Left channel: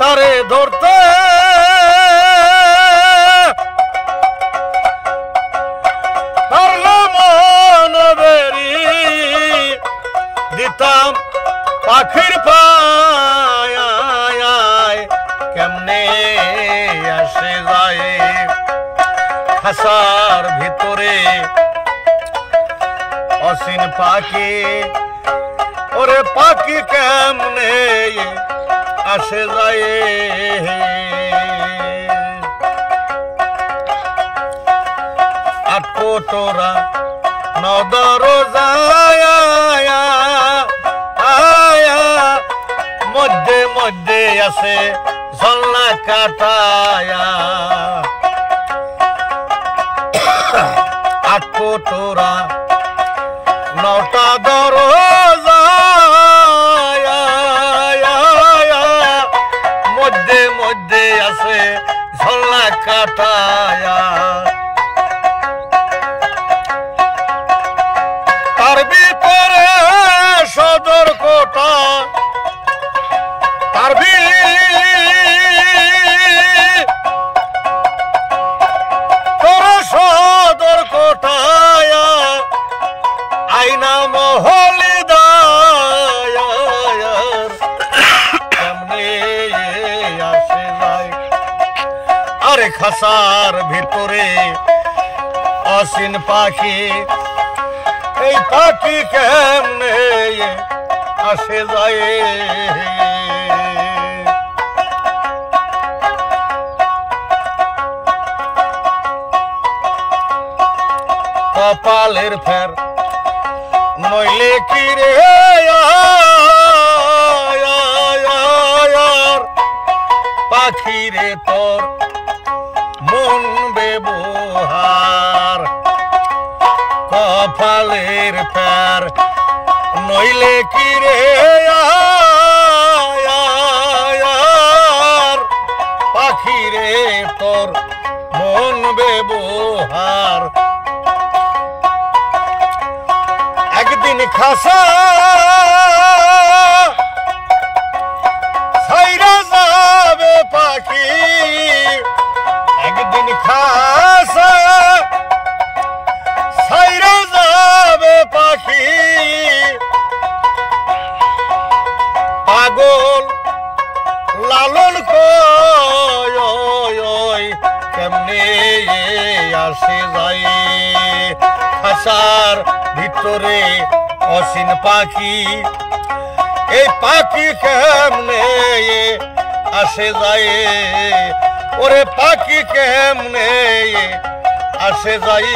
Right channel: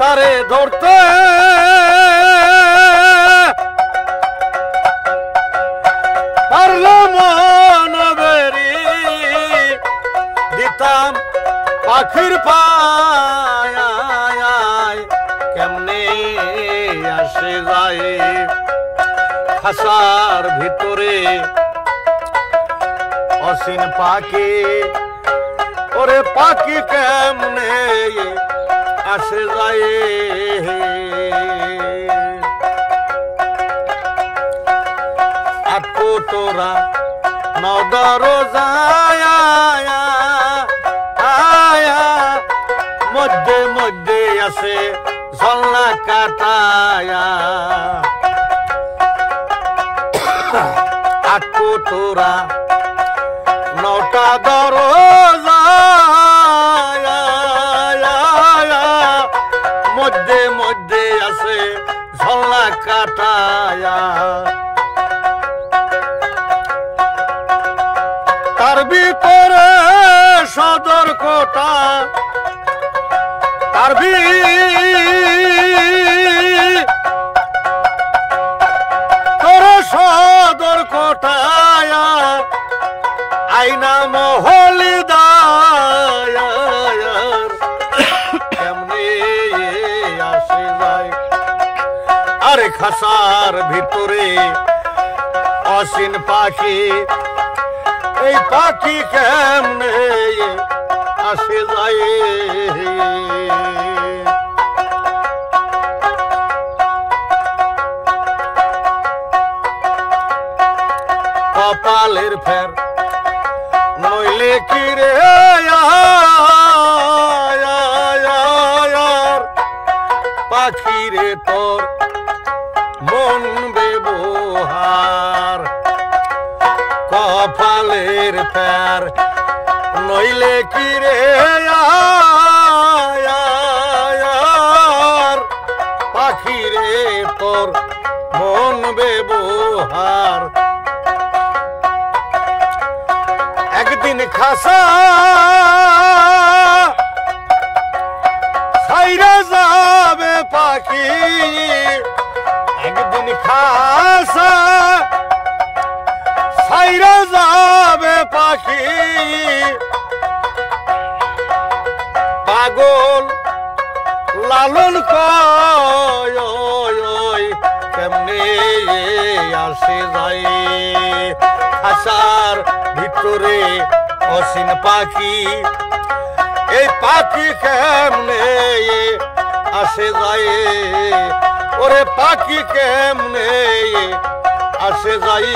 তারে ধরতে পারলে মন বেরি দিতাম পাখির পায় কেমনে আসে যায় খাসার ভিতরে অসীন পাখি ওরে পাখি কেমনে আসে যায় আটকো তোরা নদর মধ্যে মধ্যে আছে ঝলনা কাটায়া আটকো তোরা নটা দরজা মধ্যে মধ্যে আছে ঝলনা কাটায়া তার ভিতরে সদর কোটা তার ভিতরে সদর কোটায় আইনা মহলি দায়ার কেমনে আসে যায় আরে খাসার ভিতরে অসীন পাখি এই পাখি কেমনে আসে যায় কপালের ফের নইলে কি রে পাখি রে তোর মন ব্যবহার কপালের ফের নইলে কি রে পাখি রে তোর মন ব্যবহার একদিন খাসা ছাইরা যাবে পাখি একদিন খাসা ছাইরা যাবে পাখি পাগল লালন কয় কেমনে আসে যায় খাসার ভিতরে অসীন পাখি এই পাখি কেমনে আসে যায় ওরে পাখি কেমনে আসে যায়